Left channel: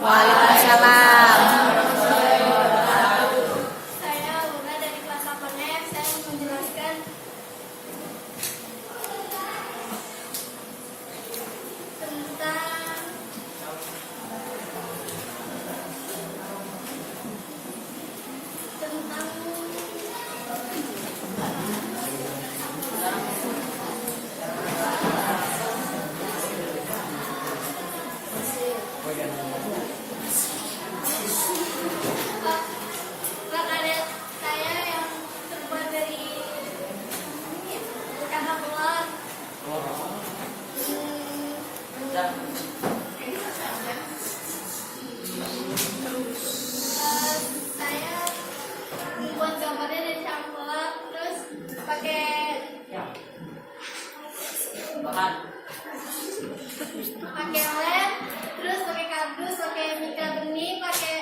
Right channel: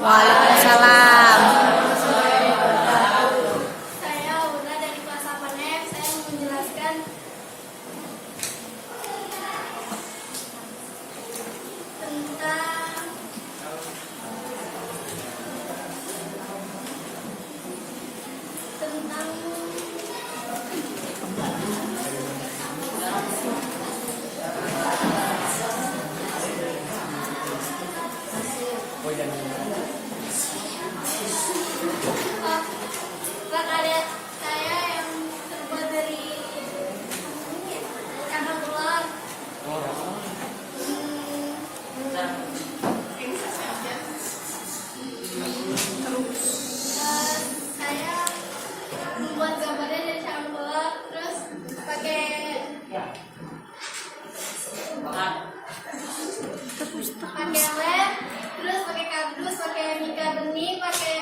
Waalaikumsalam. Saya Una dari kelas 8F. Saya mau menjelaskan tentang prakarya saya yang terbuat dari cangkang ular. Saya membuat gambarnya dari cangkang ular, terus pakai lem, terus pakai kardus, pakai mika bening, pakai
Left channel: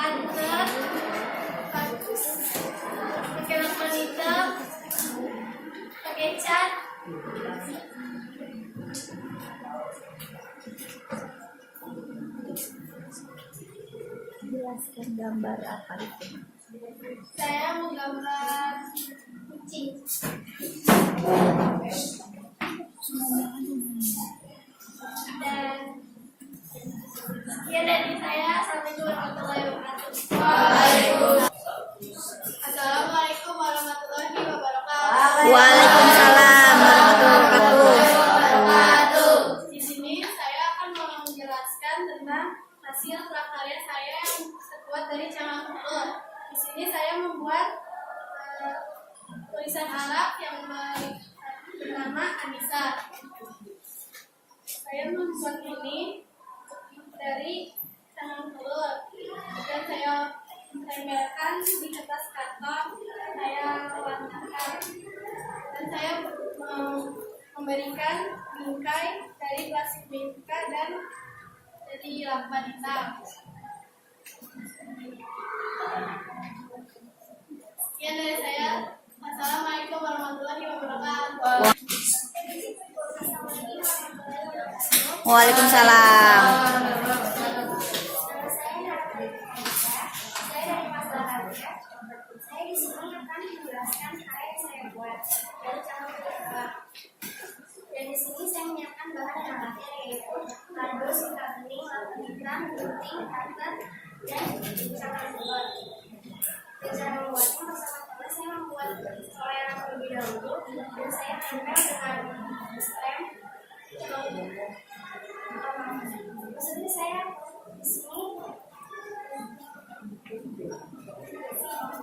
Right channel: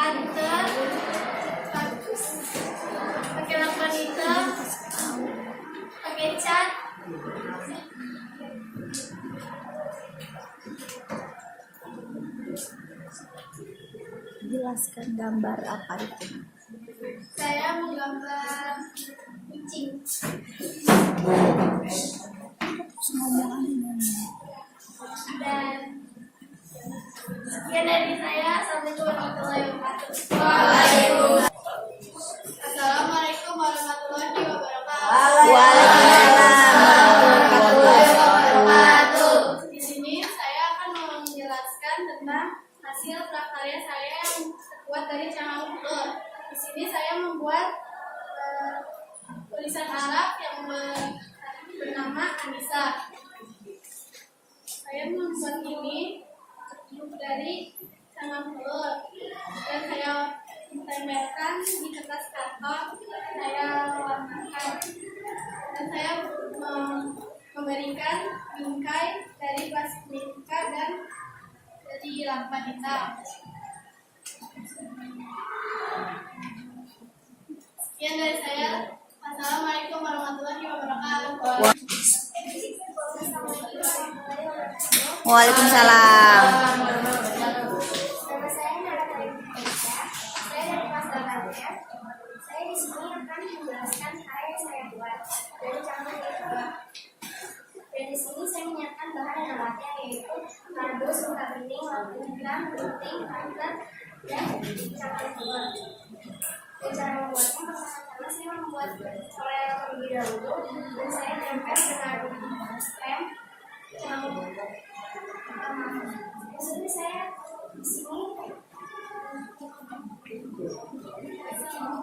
cutter, pakai lakban hitam, pakai cat. Jelaskan gambar apa itu? Saya menggambar kucing. Dan sekian dari saya. Assalamualaikum warahmatullahi wabarakatuh. Assalamualaikum warahmatullahi wabarakatuh. Waalaikumsalam warahmatullahi wabarakatuh. Di sini saya akan menjelaskan tentang hasil prakarya saya yang terbuat dari cangkang telur. Di sini saya membuat tulisan Arab yang bernama Anissa. Saya membuat ini dari cangkang telur dan saya tempelkan di kertas karton. Saya warnakan dan saya memberikan bingkai dari plastik mika dan dari lakban hitam. Sekian dari saya. Assalamualaikum warahmatullahi wabarakatuh. Waalaikumsalam. Nama saya Nara Indonesia. Saya dari kelas 8F. Saya di sini akan menjelaskan karya yang saya buat dari cangkang telur. Dan di sini saya menyiapkan bahan dan alatnya, yaitu kardus, mika bening, lakban hitam, gunting, cutter, dan cangkang telur. Dan cara membuatnya, pertama-tama saya membuat pola terlebih dahulu dan saya tempel dengan lem maksudnya saya di sini dan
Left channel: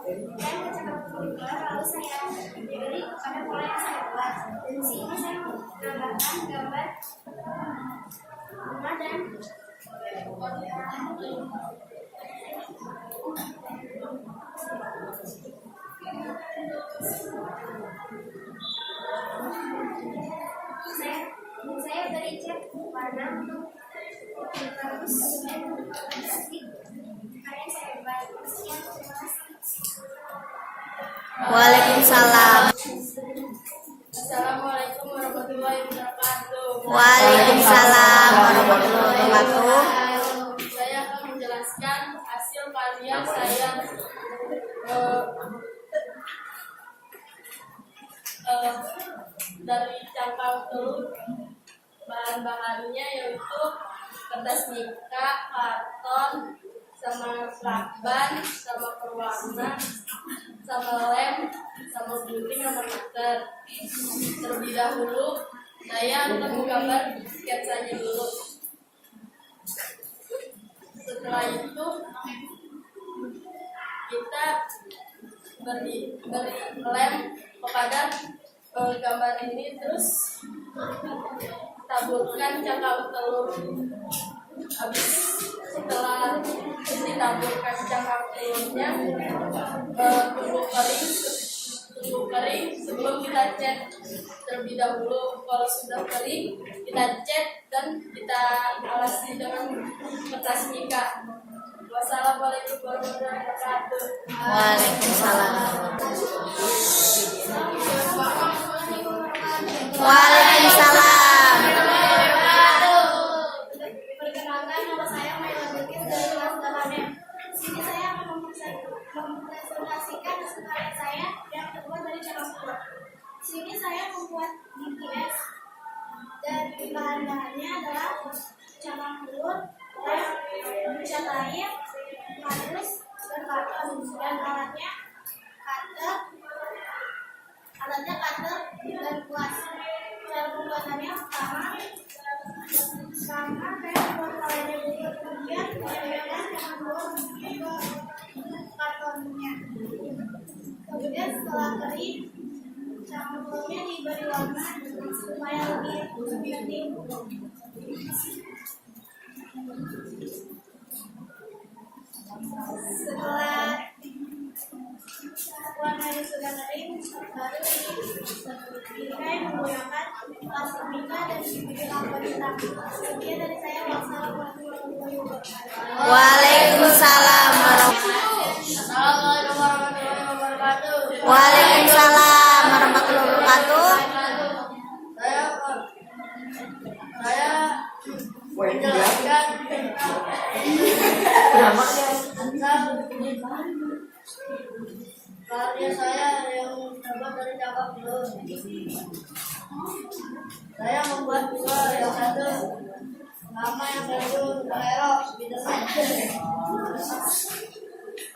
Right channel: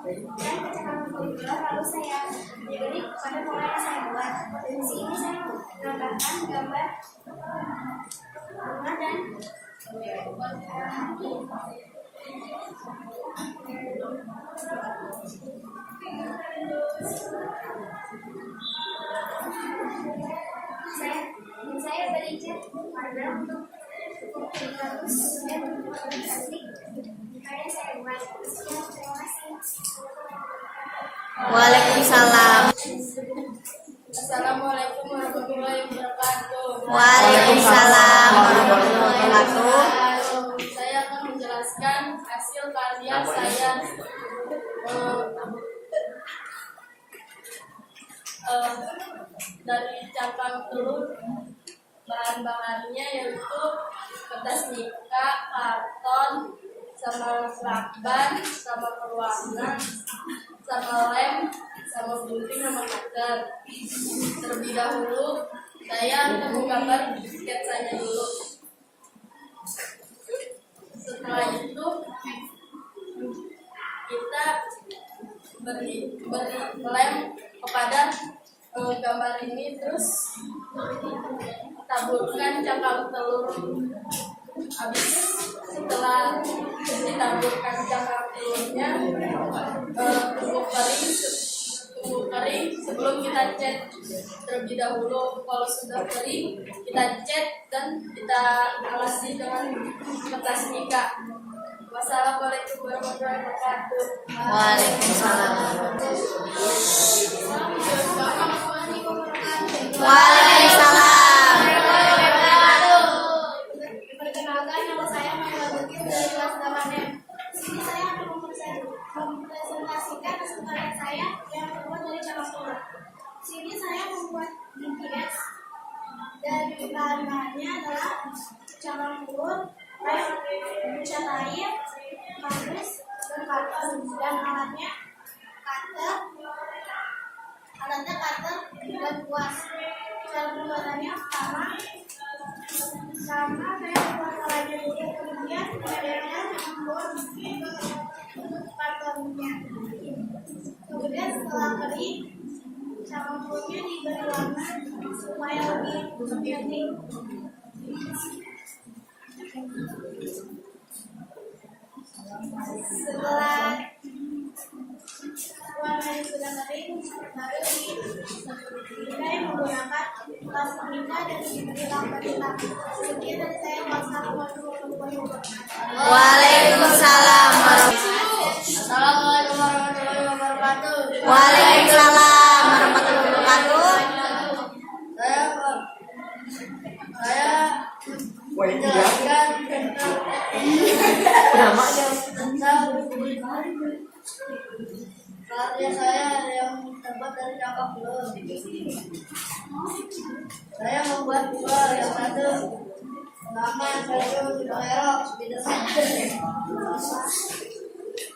ke cangkang telur, lalu saya beri kepada pola yang saya buat. Dan di sini saya menambahkan gambar bunga dan hati. Saya beri cat warna untuk harus dan plastik karya saya buat. Sekian, terima kasih. Waalaikumsalam. Assalamualaikum warahmatullahi wabarakatuh. Waalaikumsalam warahmatullahi wabarakatuh. Saya akan menjelaskan hasil karya saya dari cangkang telur. Bahan-bahannya yaitu kertas mika, karton, sama lakban, sama perwarna, sama lem, sama gunting, sama cutter. Terlebih dahulu saya akan menggambar sketsanya dulu. Setelah itu kita beri lem kepada gambar ini, terus taburkan cangkang telur. Habis setelah ditaburkan cangkang telurnya, tunggu kering sebelum kita cat terlebih dahulu. Kalau sudah kering, kita cat dan kita alasi dengan kertas mika. Wassalamualaikum warahmatullahi wabarakatuh. Waalaikumsalam. Assalamualaikum membuat BTS dari bahan-bahannya adalah cangkang telur, lem, cat air, kardus, dan karton. Dan alatnya cutter dan kuas. Cara pembuatannya sama saya membuat polanya dulu, kemudian menempelkan cangkang telur ke kartonnya. Kemudian setelah kering, cangkang telurnya diberi warna supaya lebih cantik. Setelah warnanya sudah kering, baru dikai menggunakan plastik mica dan diberi lampu hitam. Sekian dari saya. Wassalamualaikum warahmatullahi wabarakatuh. Waalaikumsalam Assalamualaikum warahmatullahi wabarakatuh. Waalaikumsalam warahmatullahi wabarakatuh. Saya menjelaskan tentang karya saya yang terbuat dari cangkang telur. Saya membuat dua, yang satu nama, yang satu superhero Spiderman.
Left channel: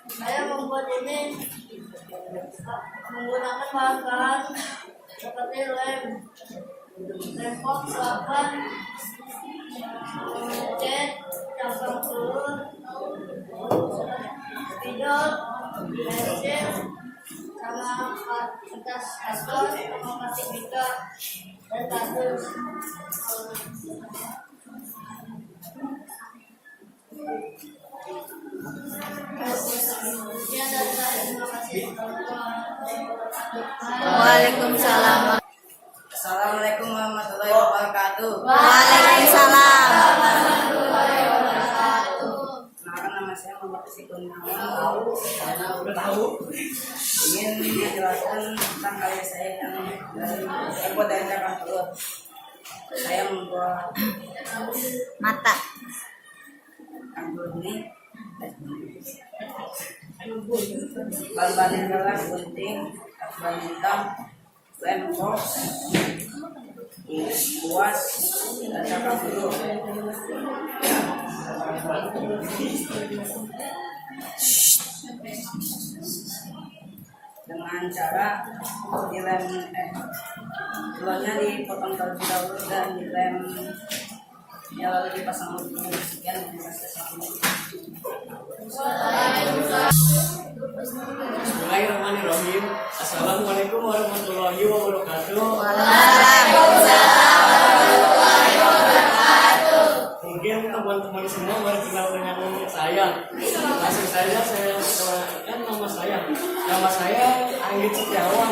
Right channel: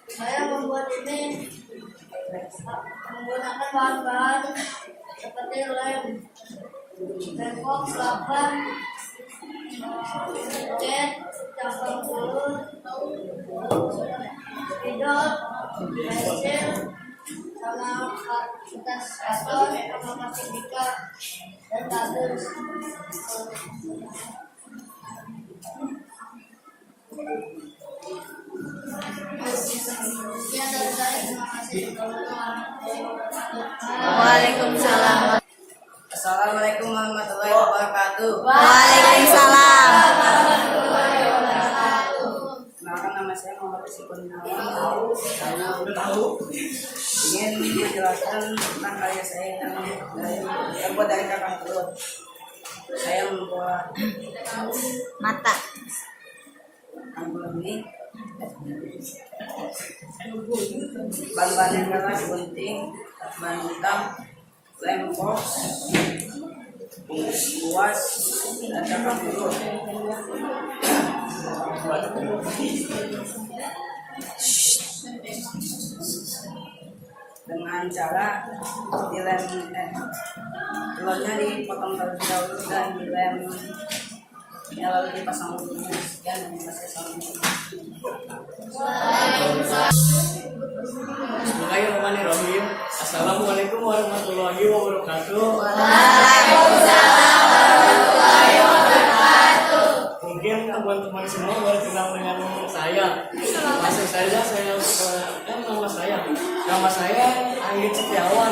Saya membuat ini menggunakan bahan-bahan seperti lem, box, lapan, cat, cangkang telur, spidol, pensil, sama kertas karton, sama plastik mica dan kardus. Sekian dari saya, terima kasih. Waalaikumsalam. Assalamualaikum warahmatullahi wabarakatuh. Waalaikumsalam. Kenalkan, nama saya Muhammad Rizky Kurniawan. Saya ingin menjelaskan tentang karya saya yang terbuat dari cangkang telur. Saya membuat Mata. anggur ini. Bahan-bahannya adalah gunting, bahan hitam, lem box, kuas, dan cangkang telur. Dengan cara dilem, telurnya dipotong terlebih dahulu dan dilem, ya lalu dipasang lubang. Sekian dari saya. Bismillahirrahmanirrahim. Assalamualaikum warahmatullahi wabarakatuh. Mungkin teman-teman semua baru kenal dengan saya. Langsung saja saya perkenalkan nama saya. Nama saya Anggit Setiawan,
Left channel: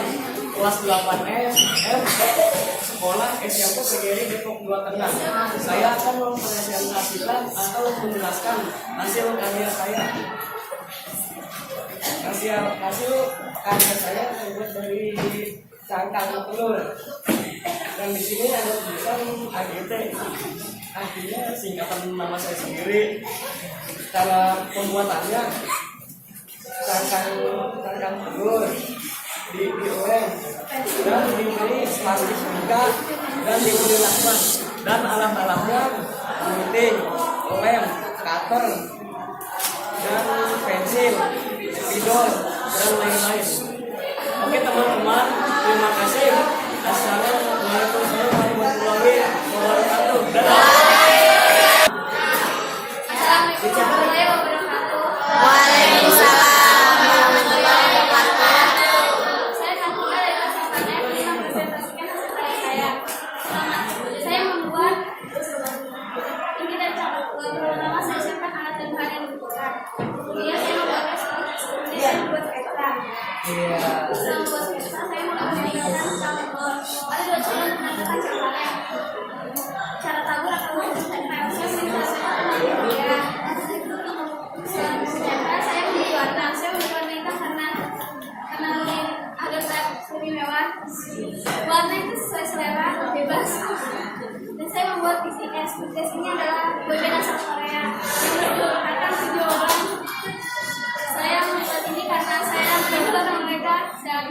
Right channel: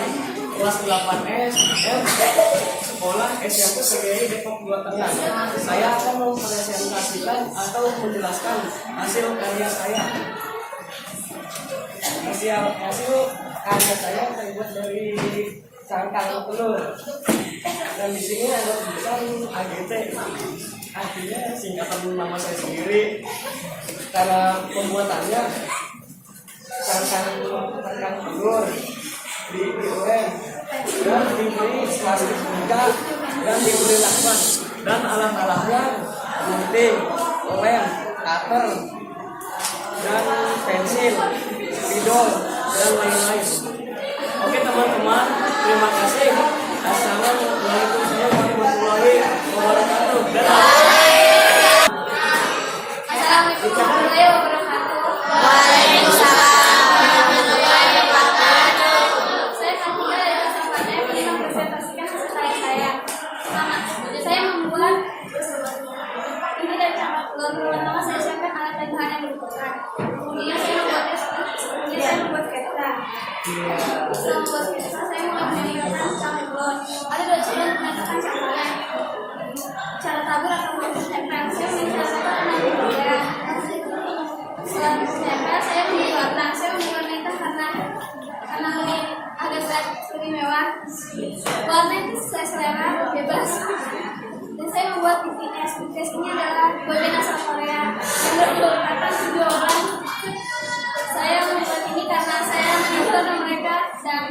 kelas 8 SM, sekolah SMP PGRI Depok 2 Tengah. Saya akan mempresentasikan atau menjelaskan hasil karya saya. Hasil karya saya terbuat dari cangkang telur. Dan di sini ada tulisan AGT. Artinya singkatan nama saya sendiri. Cara pembuatannya, cangkang telur dilem dan diberi plastik mica dan diberi lakban, dan alat-alatnya gunting, lem, cutter, dan pensil, spidol, dan lain-lain. Oke teman-teman, terima kasih. Assalamualaikum warahmatullahi wabarakatuh. Dadah. Assalamualaikum warahmatullahi wabarakatuh. Waalaikumsalam warahmatullahi wabarakatuh. Saya Katika dari kelas 4F ini mempresentasikan hasil karya saya. Pertama, saya membuat ini dari cangkang telur. Pertama saya siapkan alat dan bahan yang dibutuhkan. Kemudian saya membuat sketsa. Setelah membuat sketsa, saya mulai menempelkan cangkang telur. Ada dua cara menempelkan cangkangnya. Cara tabur atau menempel. Saya menempelkan ke dalam media. Setelah menempel, saya memberi warna. Saya memberi warna hitam karena lebih agak berat, lebih mewah. Warna itu sesuai selera, bebas. Dan saya membuat BTS. BTS ini adalah boyband asal Korea yang berkekuatan jawaban. Saya membuat ini karena saya mengidolakan mereka, dan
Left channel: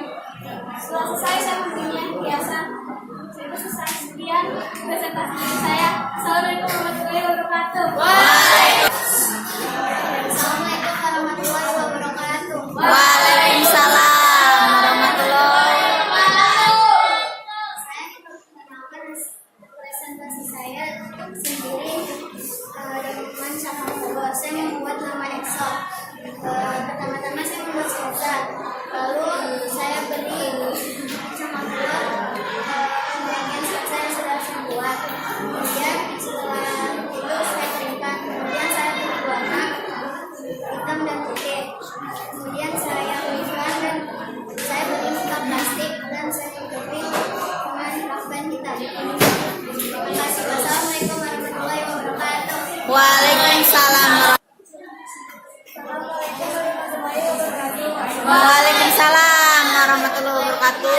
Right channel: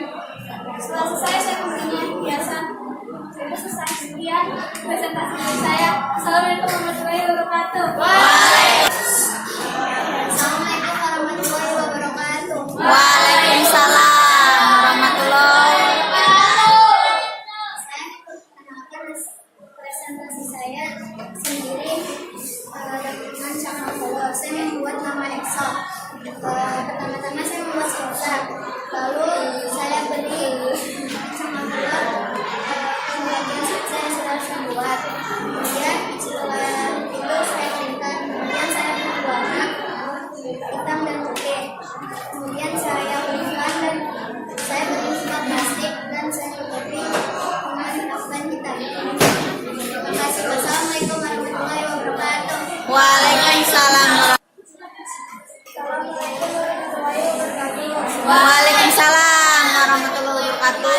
setelah selesai saya memberinya hiasan Itu selesai. Sekian presentasi dari saya. Assalamualaikum warahmatullahi wabarakatuh. Assalamualaikum warahmatullahi wabarakatuh. Waalaikumsalam warahmatullahi wabarakatuh. Saya memperkenalkan presentasi saya sendiri dengan cangkang telur. Saya membuat nama Excel. Pertama-tama saya membuat sketsa. Lalu saya beri cangkang telur pembagian sketsa yang sudah saya buat. Kemudian setelah itu saya keringkan. Kemudian saya beri warna hitam dan putih. Kemudian saya keringkan dan saya beri minyak plastik dan saya beri dengan lakban hitam. Terima kasih. Wassalamualaikum warahmatullahi wabarakatuh. Waalaikumsalam. Assalamualaikum warahmatullahi wabarakatuh. Waalaikumsalam warahmatullahi wabarakatuh.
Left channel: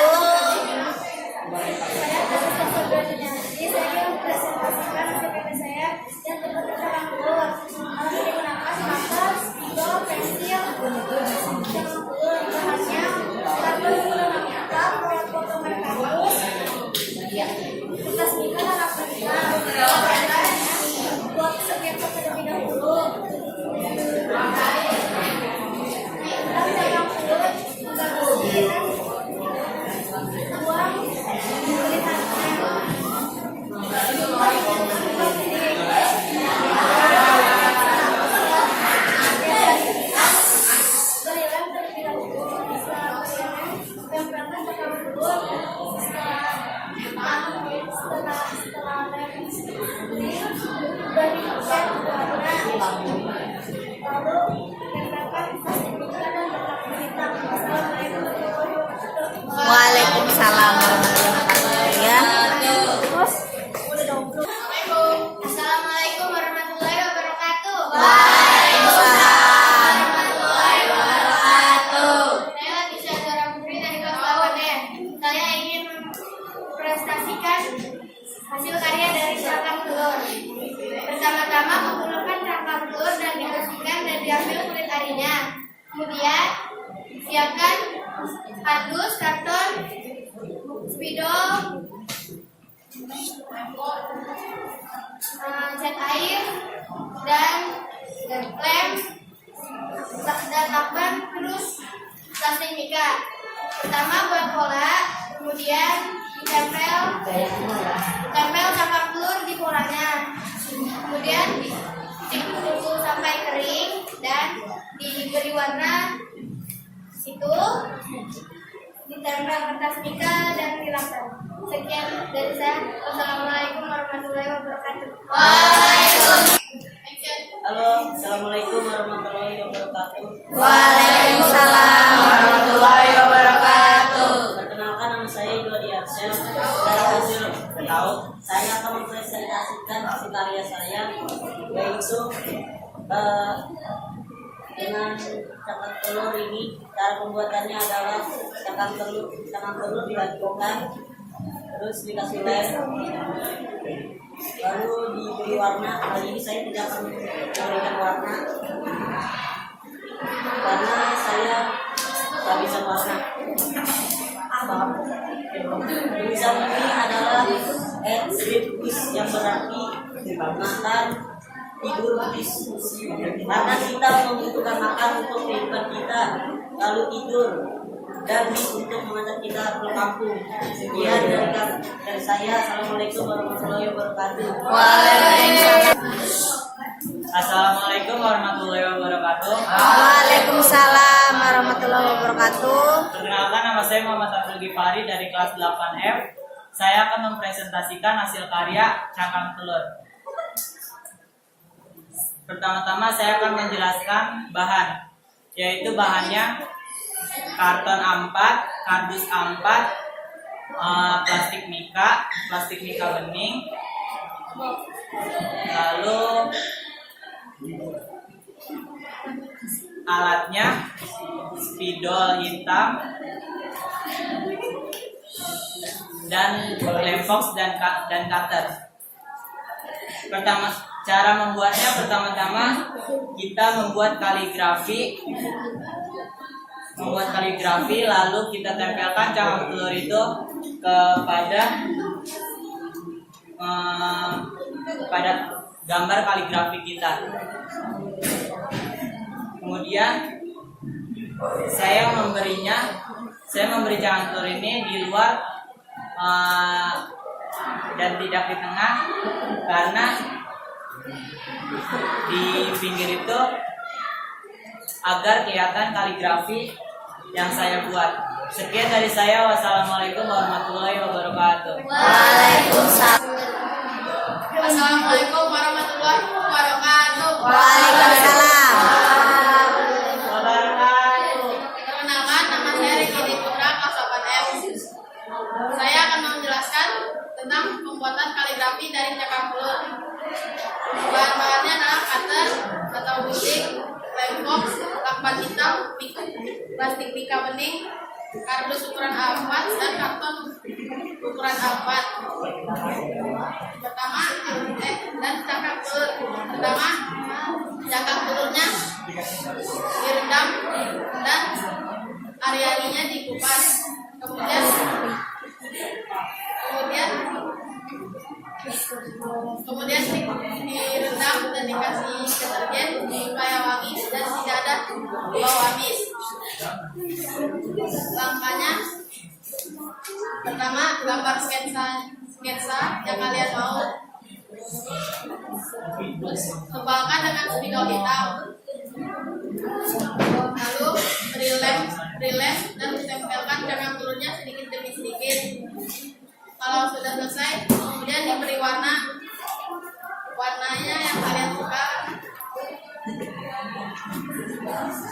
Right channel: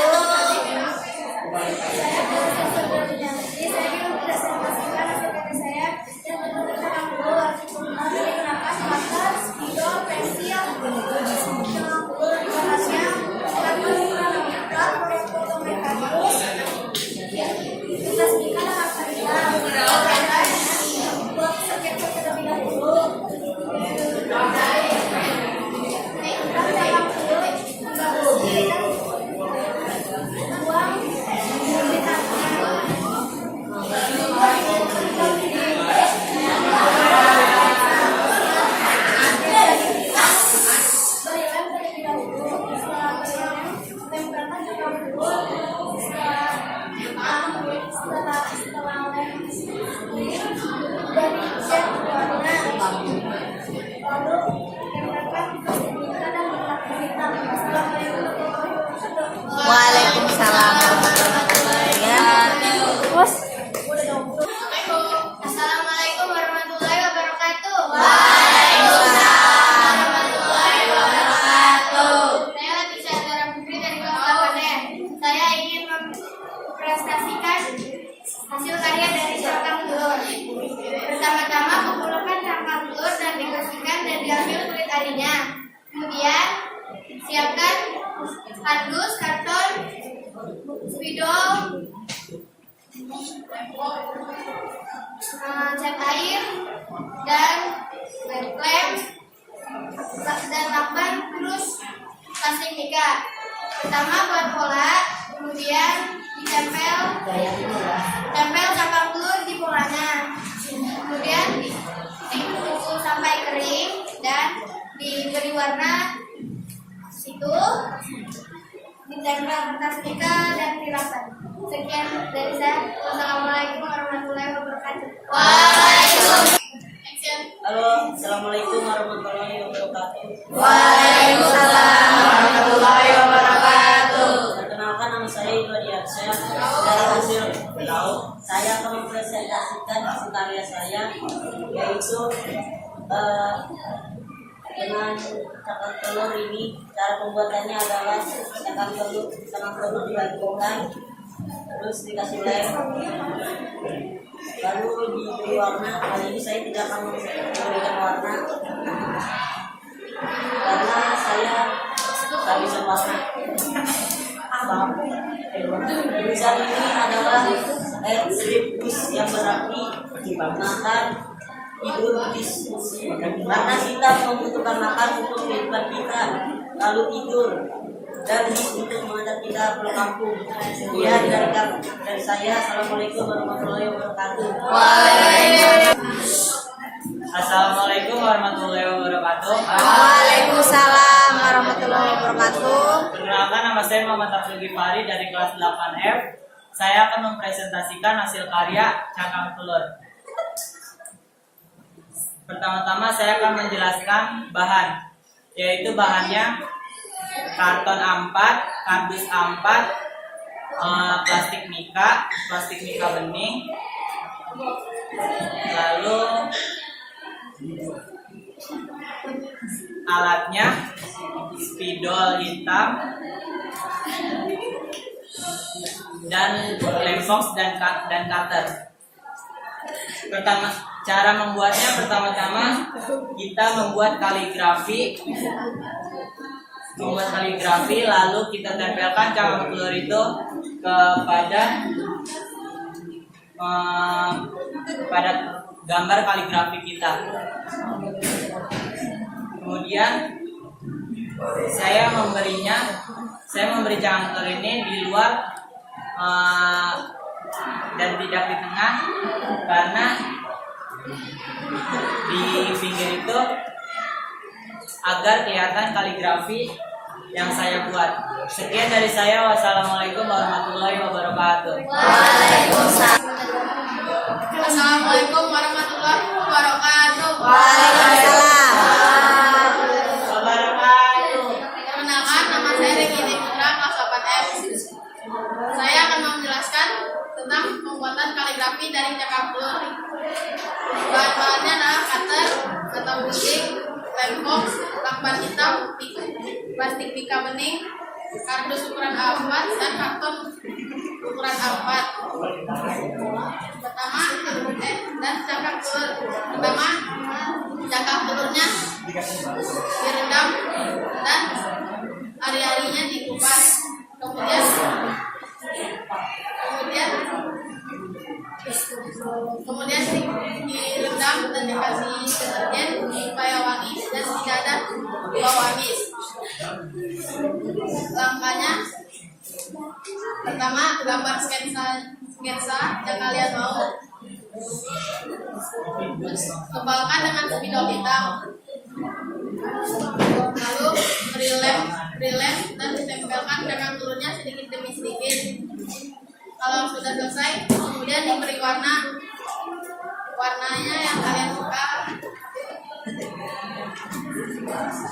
Saya Kalista Sebelumnya. Saya ingin mempresentasikan hasil karya saya yang terbentuk cangkang telur. Alat yang digunakan marker, spidol, pensil, cangkang telur. Bahannya karton menggunakan plat, proyek foto mekanis, kertas mika dan akta hitam. Buat sketsa terlebih dahulu. Naikkan cangkang telur hingga bersih dan buang kulitannya. Berikan terlebih dahulu. Setelah berikan, tempelkan cangkang telur. Setelah lem beri cat warna. Lalu tempelkan plastik mika dan berlakban hitam. Assalamualaikum warahmatullahi wabarakatuh. Waalaikumsalam warahmatullahi wabarakatuh. Terus udah dong. Assalamualaikum warahmatullahi wabarakatuh. Saya Latifa Zara Putri dari kelas 8E. Saya ingin mempresentasikan hasil karya dari cangkang telur. Pertama-tama kumpulkan cangkang telur dan dibersihkan dan diambil kulit arinya. Kemudian siapkan kardus, karton, spidol, cat air, dan lem, dan lakban, terus plastik mika. Pertama buat pola, kemudian ditempel cangkang telur di polanya. Kemudian tunggu sampai kering dan diberi warna situ, ditempel kertas mika dan dilakban. Sekian dari saya. Wassalamualaikum warahmatullahi wabarakatuh. Halo, assalamualaikum warahmatullahi wabarakatuh. Waalaikumsalam warahmatullahi wabarakatuh. Perkenalkan, nama saya Ido Adiarsyah. Dari hasil tahu, saya akan mempresentasikan hasil karya saya, yaitu dengan cangkang telur ini. Cara pembuatannya adalah cangkang telur dibangkitkan, terus dikasih lem, lalu diberi warna. Kali ini saya tidak akan memberikan warna karena saya kehabisan warna. Tulisan ini adalah sleep wish, yang berarti makan, tidur, wish. Karena kita membutuhkan makan untuk kehidupan kita, lalu tidur, dan wish untuk mengantar kita pulang kampung. Ya, dari saya. Assalamualaikum warahmatullahi wabarakatuh. Assalamualaikum warahmatullahi wabarakatuh. Waalaikumsalam warahmatullahi wabarakatuh. Perkenalkan, nama saya Muhammad Abdul Ghifari dari kelas 8F. Saya akan mempresentasikan hasil karya cangkang telur. Pertama-tama saya akan menjelaskan bahan, yaitu bahannya karton A4, kardus A4, plastik mika bening, lalu alatnya spidol hitam dan lem box dan cutter. Cara membuatnya, pertama-tama kita membuat kaligrafi, lalu kita tempelkan cangkang telur itu kepada pada gambar kaligrafi kita. Kemudian saya memberi jangan telur ini di luar dan tidak di tengah, karena di pinggir itu agar kelihatan kaligrafi yang saya buat. Sekian dari saya. Wassalamualaikum warahmatullahi wabarakatuh. Waalaikumsalam. Assalamualaikum warahmatullahi wabarakatuh. Waalaikumsalam. Perkenalkan, nama saya Regini Putra, kelas 8F. Saya akan menjelaskan tentang pembuatan kaligrafi dari cakang telur. Bahan-bahannya adalah cutter atau gunting, lem box, lakban hitam, plastik pika bening, kardus ukuran A4, dan karton ukuran A4. Dan cangkang telur. Pertama, cangkang telurnya direndam dan ari-arinya dikupas. Kemudian direndam dan dikasih deterjen supaya wangi dan tidak ada bau amis. Langkahnya, pertama gambar sketsa yang kalian mau, tebalkan dengan spidol hitam, lalu beri lem dan ditempelkan cangkang telurnya sedikit demi sedikit. Kalau sudah selesai, kemudian diberi warnanya yang kalian suka.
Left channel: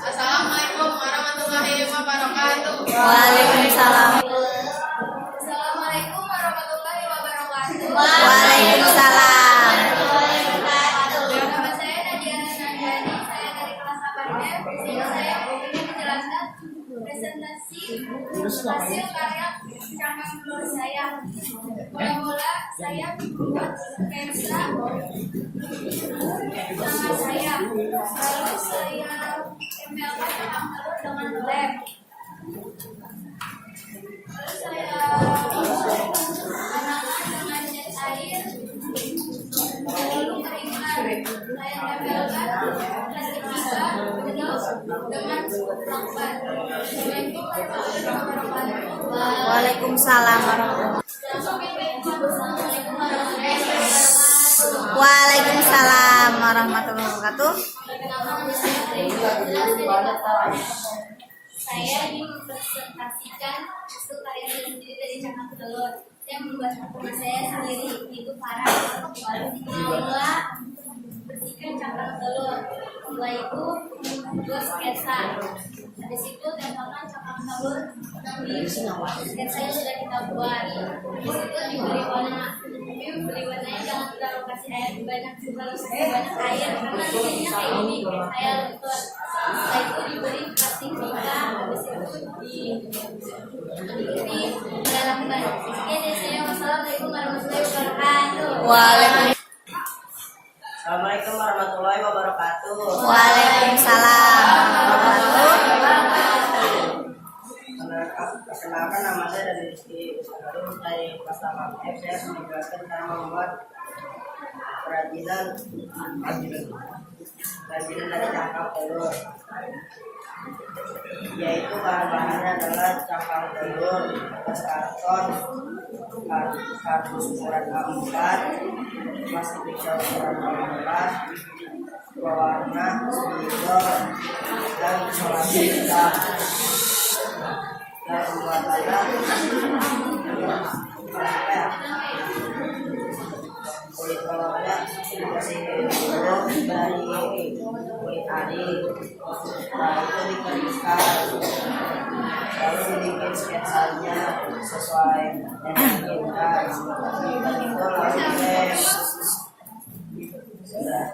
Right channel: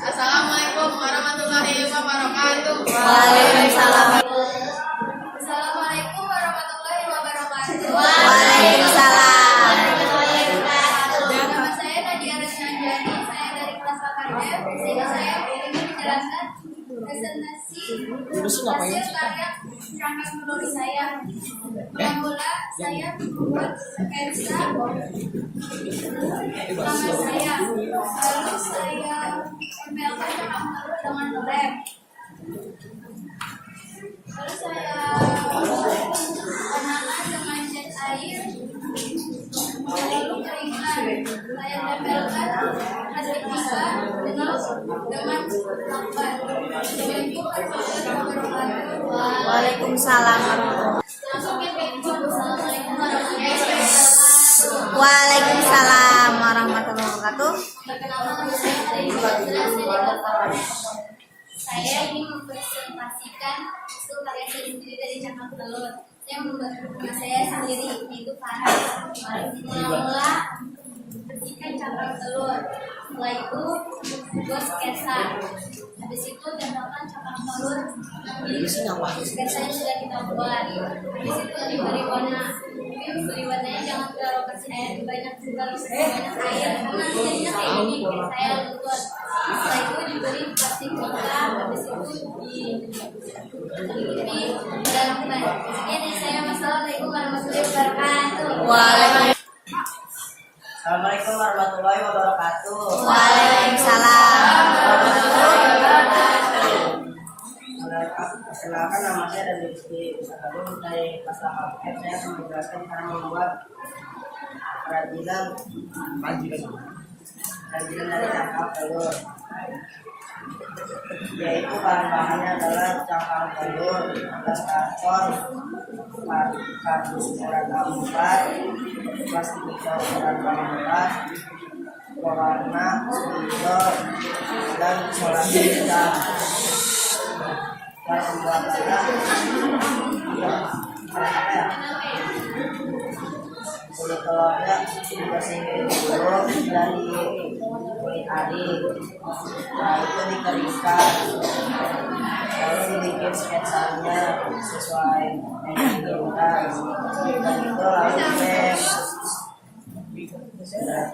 Assalamualaikum warahmatullahi wabarakatuh. Waalaikumsalam. Assalamualaikum warahmatullahi wabarakatuh. Waalaikumsalam. Nama saya Nadia Rasnanjani, saya dari kelas 8F. Di sini saya ingin menjelaskan presentasi hasil karya cangkang telur saya. Mula-mula saya membuat sketsa nama saya, lalu saya tempelkan cangkang telur dengan lem. Lalu saya warnakan dengan cat air, lalu keringkan. Saya tempelkan plastik pika dengan lakban. Assalamualaikum warahmatullahi wabarakatuh. Waalaikumsalam. Assalamualaikum warahmatullahi wabarakatuh. Waalaikumsalam warahmatullahi wabarakatuh. Perkenalkan, nama saya Dewi Jelas dari kelas 8. Saya ingin mempresentasikan hasil karya saya sendiri dari cangkang telur. Saya membuat rumah saya sendiri, yaitu Farah. Mula bersihkan cangkang telur. Setelah itu buat sketsa. Habis itu tempelkan cangkang telur di sketsa yang sudah kita buat. Habis itu diberi warna. Tapi beri warnanya jangan terlalu kasih air banyak, terlalu kasih banyak air karena jadinya kayak gini, saya luntur. Setelah itu diberi plastik pika, habis itu ditutupi pada lakban. Sekian dari saya. Wassalamualaikum warahmatullahi wabarakatuh. Waalaikumsalam. Assalamualaikum warahmatullahi wabarakatuh. Perkenalkan, nama saya dari Rizky Sakarun dari kelas 8F. Saya akan menjelaskan cara membuat kerajinan dari cangkang telur, yaitu bahan-bahannya adalah cangkang telur, kertas karton, kardus ukuran A4, plastik pica ukuran A4, pewarna, spidol, dan isolasi hitam. Cara pembuatannya apa ya? Kulit telurnya dibersihin dulu dari kulit ari, nah itu dikeringkan, lalu dibikin sketsanya sesuai yang diinginkan, dan itu lalu dilem. Sudah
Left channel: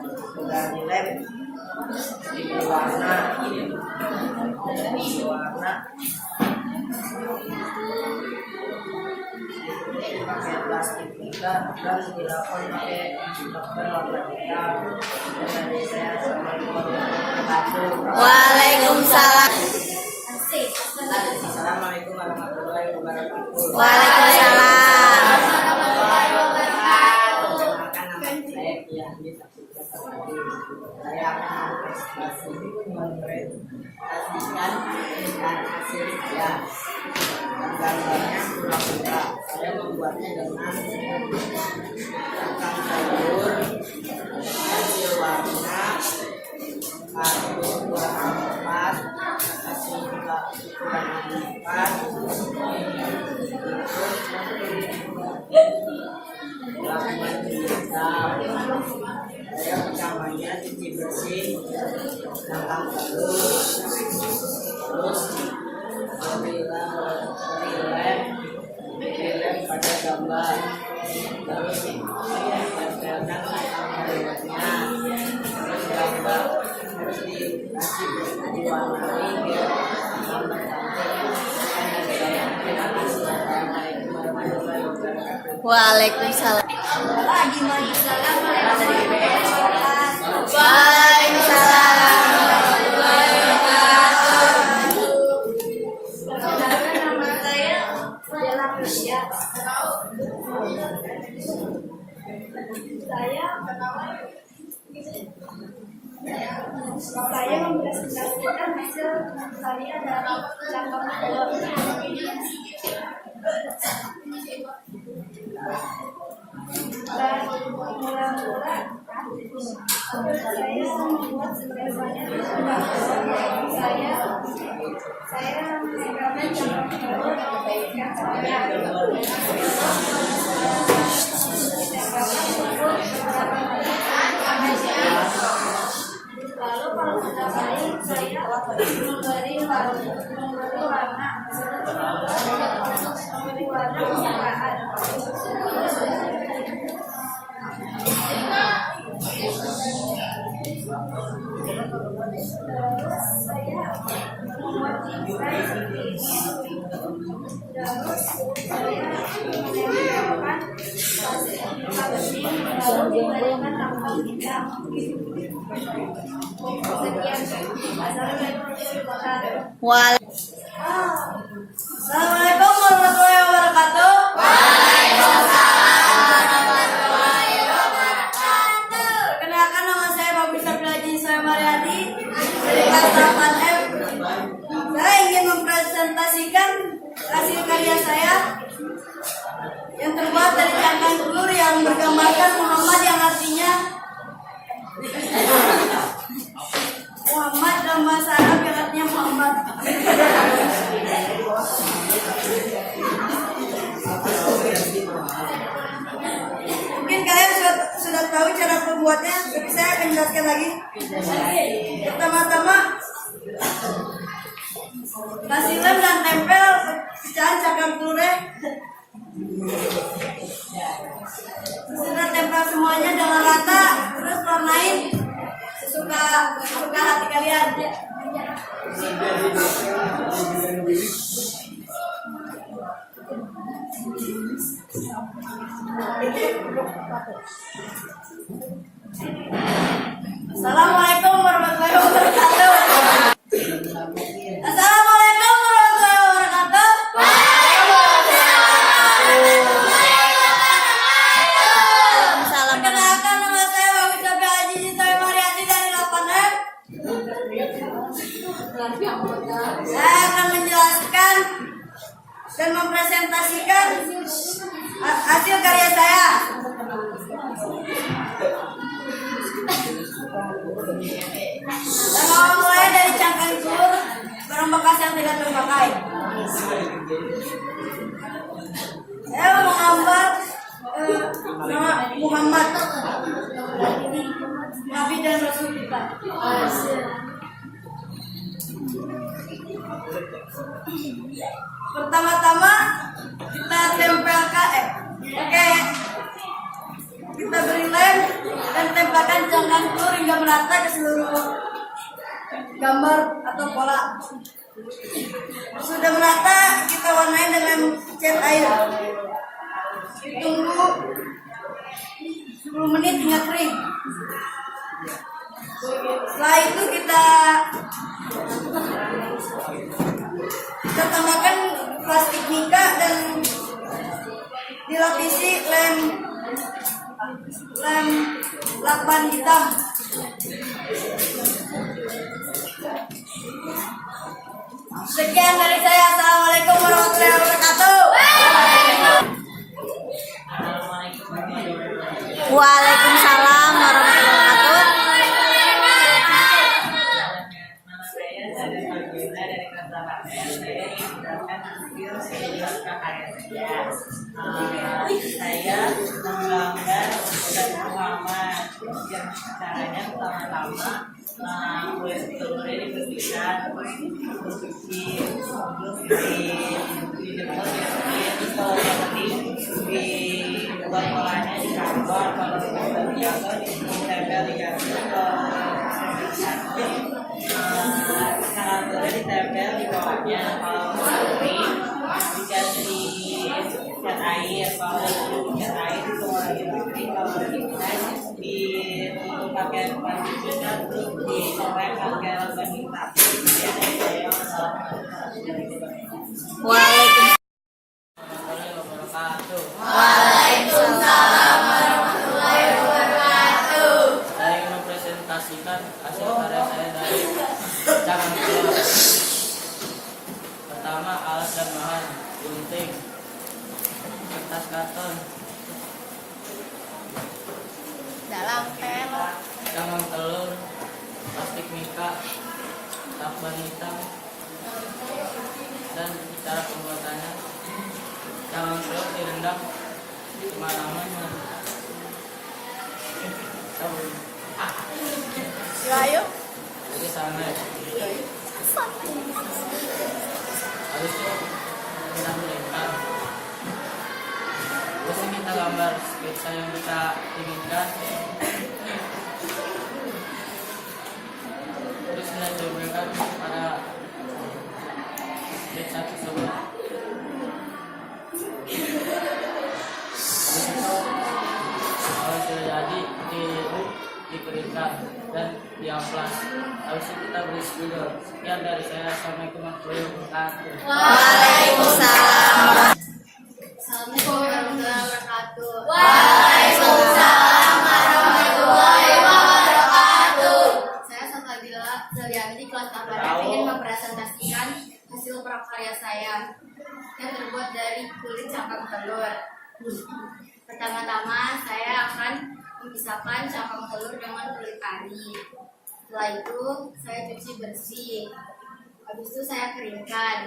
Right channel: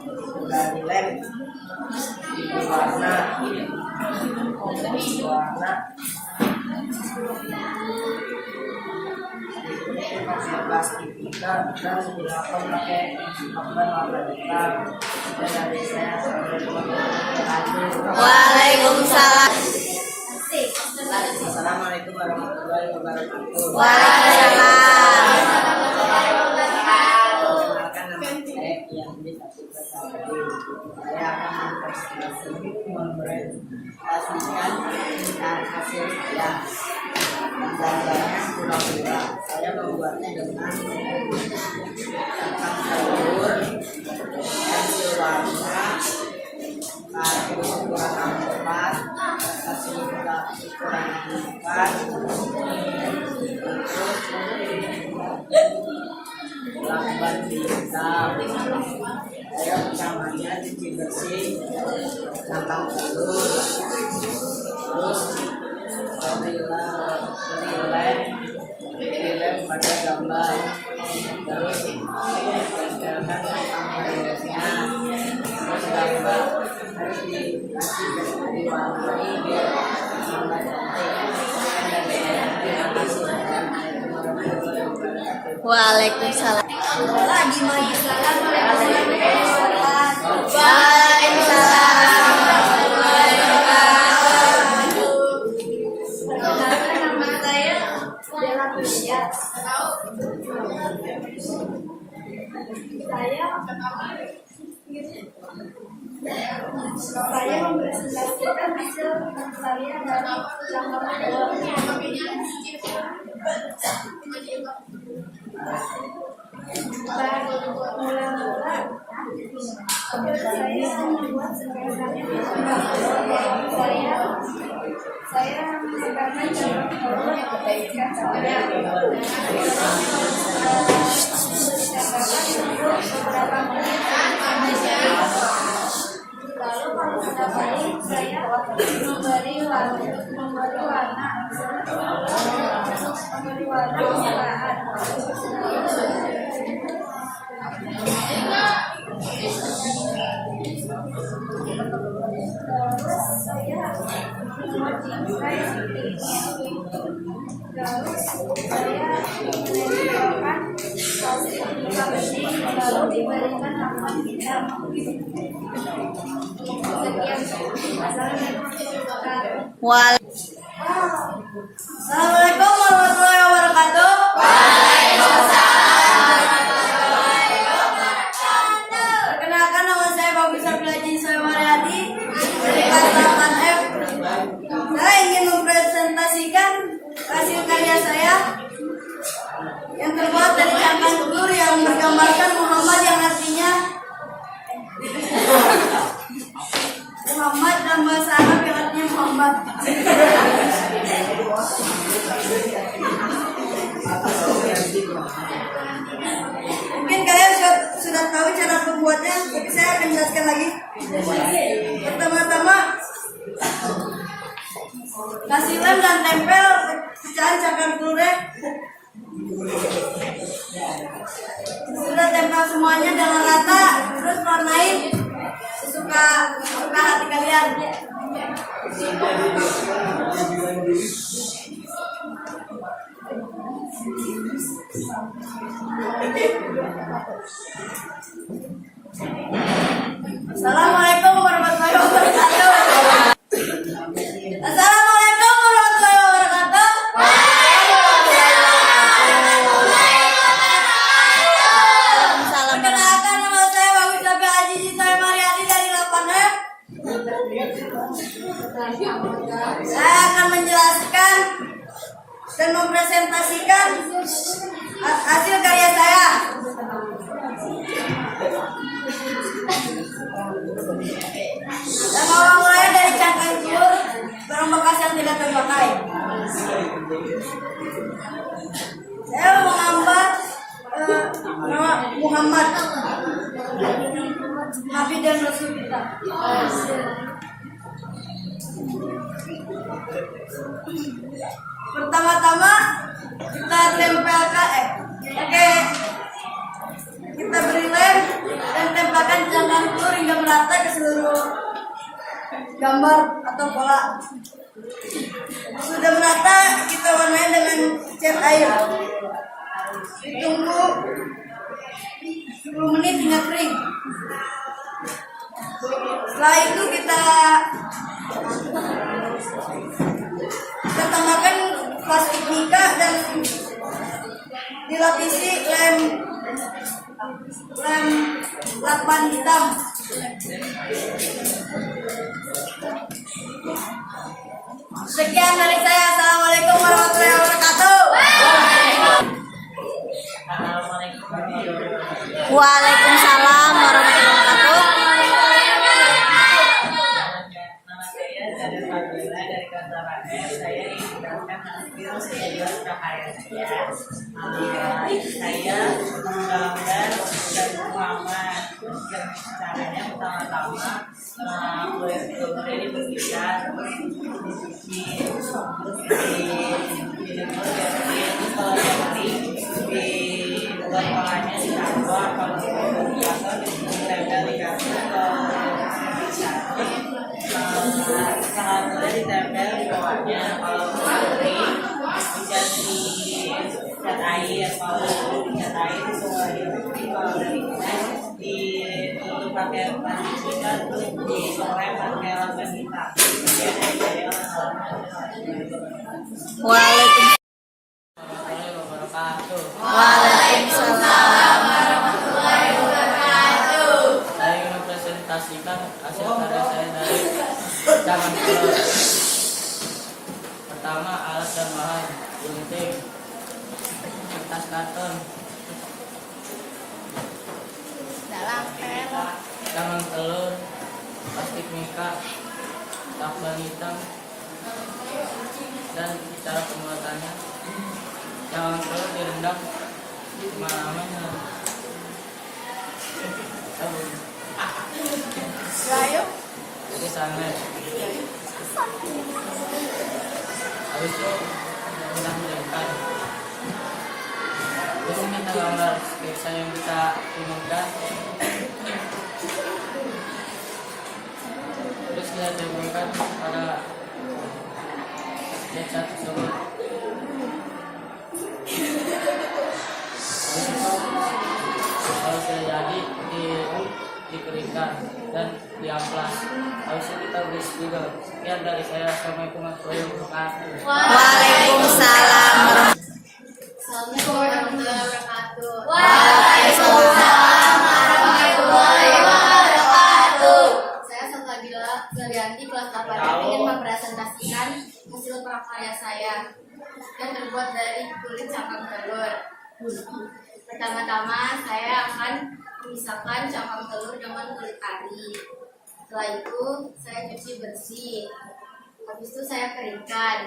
dilem, diberi warna, pakai plastik pika dan dilakukan pakai lakban warna hitam. Dan dari saya, assalamualaikum warahmatullahi wabarakatuh. Waalaikumsalam. Assalamualaikum warahmatullahi wabarakatuh. Waalaikumsalam. mempresentasikan dengan hasil saya. Gambarnya pura-pura. Saya membuatnya dengan cangkang telur, pensil warna, kardus ukuran A4, kasih juga ukuran A4, terus lakban hitam. Saya pertamanya cuci bersih cangkang telur, terus beri lem pada gambar, terus tempelkan cangkang telurnya, terus gambar harus diwarnai biar tambah cantik. Sekian dari saya, terima kasih. Assalamualaikum warahmatullahi wabarakatuh. Waalaikumsalam. Waalaikumsalam warahmatullahi wabarakatuh. Waalaikumsalam. Perkenalkan, nama saya Bella Prisya. Saya mempresentasikan hasil karya dari cangkang telur. Mula-mula saya membuat sketsanya saya menempelkan cangkang telur di sketsanya. Ditempelkan tunggu beberapa menit sampai jadi. Lalu kalau sudah baik, saya memberi warna kesukaan. Terus saya membuat cincai seperti ini. Terus saya menempelkan plastik muka bening, lalu diberikan lakban hitam. Sekian. Assalamualaikum warahmatullahi wabarakatuh. Assalamualaikum warahmatullahi wabarakatuh. Perkenalkan, nama saya Bagus Safilaji Soe Mariati dari kelas 8F. Saya ingin mempresentasikan hasil karya saya yang terbuat dari cangkang telur yang bergambarkan Muhammad, yang artinya Muhammad dalam bahasa Arab yang artinya Muhammad. Mungkin kalian sudah tahu cara pembuatnya, tapi saya akan jelaskan lagi. Pertama-tama kasih lem dan tempel pecahan cangkang telurnya. Sudah tempel semuanya dengan rata, terus warnain sesuka hati kalian. Assalamualaikum warahmatullahi wabarakatuh. Assalamualaikum warahmatullahi wabarakatuh. Waalaikumsalam. Perkenalkan, nama saya Bagus Safilaji Soe Mariati dari 8F. Saya akan menjelaskan dan mempresentasikan hasil karya saya. Dan awal mulai dari cangkang telur, barang bekas yang tidak terpakai. Saya menggambar nama Muhammad, Nabi dan Rasul kita. Pertama-tama kita tempelkan, kita beri lem dan tempelkan cangkang telur hingga merata ke seluruh gambar atau pola. Sudah merata, kita warnai dengan cat air. Ditunggu 10 menit hingga kering. Setelah itu kita tambahkan plastik mika dan dilapisi lem lakban hitam. Sekian dari saya. Assalamualaikum warahmatullahi wabarakatuh. Assalamualaikum warahmatullahi wabarakatuh. Waalaikumsalam warahmatullahi wabarakatuh. Nama saya Zada Fabiola dari kelas 8S. Saya ingin menjelaskan hasil sejumlah prakarya saya. Saya menggambar dan Muhammad. Caranya pertama-tama kulit telurnya dibersihkan, terus dijemur biar kering. Terus kalau udah kering dibuat polanya di kantor. Kalau udah di kantor ditempel di kasur. Kalau telurnya ditempel di bawahnya. Kalau udah kering dikasih cat air. Kalau udah cat air ditunggu lagi kering. Kalau udah dikasih ditutup pakai plastik hitam, terus disoreng pakai lakban hitam. Sekian dari saya. Wassalamualaikum warahmatullahi wabarakatuh. Waalaikumsalam warahmatullahi wabarakatuh. Saya ingin mempresentasikan hasil karya saya dari cabang telur. Pertama, alat dan bahan: gunting, kertas karton, cabang telur, plastik mika, lakban hitam, dan cara pembuatannya. Cabang telur direndam semalaman dengan sabun. Jadi sangat. Habis itu kita berikan. Terus ini kita gambar sketsa yang kita inginkan. Terus kita tempelkan pada sketsa tersebut. Habis itu kalau sudah jadi dikeringkan dan diamplas. Habis itu kita beri spidol. Sekian dari saya. Assalamualaikum warahmatullahi wabarakatuh. Waalaikumsalam. Assalamualaikum warahmatullahi wabarakatuh. Waalaikumsalam warahmatullahi wabarakatuh. Saya Salsabila Zalianti kelas 8F ingin mempresentasikan hasil prakarya saya yang terbuat dari kulit cangkang telur. Pertama-tama saya akan memisahkan cangkang telur dengan kulit ari. Setelah itu saya cuci bersih. Habis itu saya keringkan.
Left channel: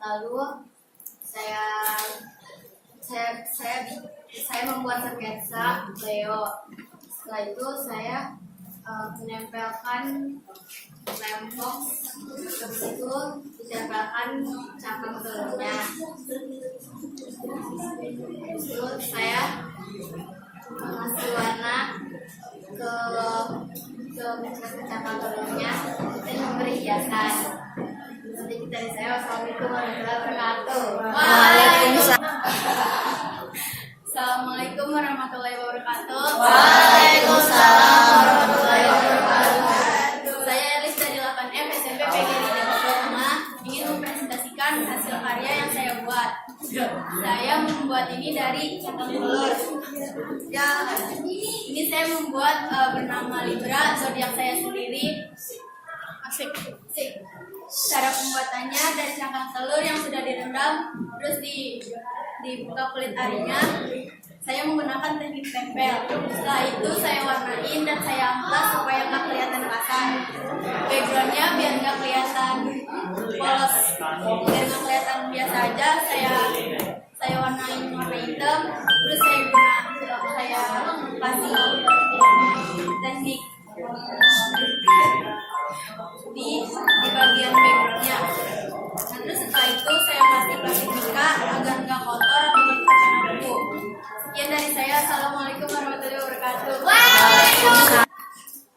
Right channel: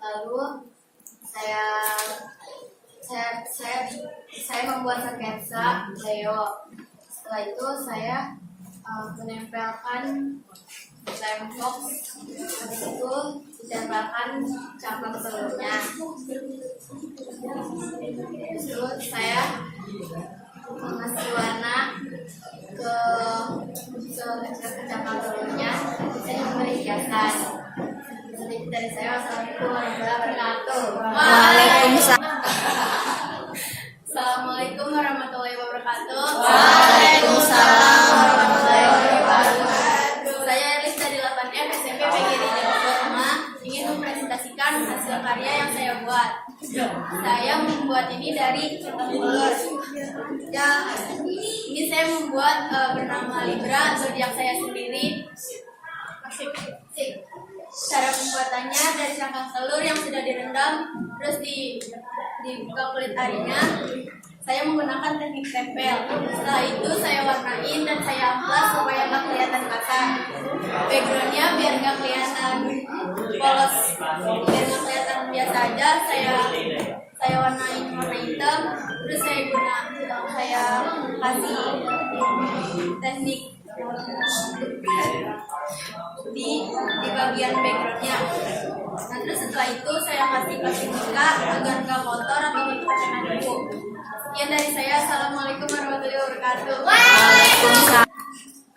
Lalu saya membuat sketsa Leo. Setelah itu saya menempelkan lem box. Habis itu ditempelkan cangkang telurnya. Habis itu saya mengasih warna ke cangkang telurnya dan memberi hiasan. Sedikit dari saya. Wassalamualaikum warahmatullahi wabarakatuh. Assalamualaikum warahmatullahi wabarakatuh. Waalaikumsalam warahmatullahi wabarakatuh. Saya Elis dari 8F SMP PGRI Depok 5 ingin mempresentasikan hasil karya yang saya buat. Saya membuat ini dari cangkang telur. Ya, ini saya membuat bernama Libra, zodiak saya sendiri. Asik. Cara pembuatannya dari cangkang telur yang sudah direndam, terus dibuka kulit arinya. Saya menggunakan teknik tempel. Setelah itu saya warnain dan saya amplas supaya nggak kelihatan kasar. Backgroundnya biar nggak kelihatan polos, biar nggak kelihatan biasa aja. Saya warnain warna hitam. Terus saya kasih teknik di bagian backgroundnya. Nah, terus setelah itu saya kasih plastik mika agar nggak kotor atau terkena debu. Sekian dari saya. Assalamualaikum warahmatullahi wabarakatuh.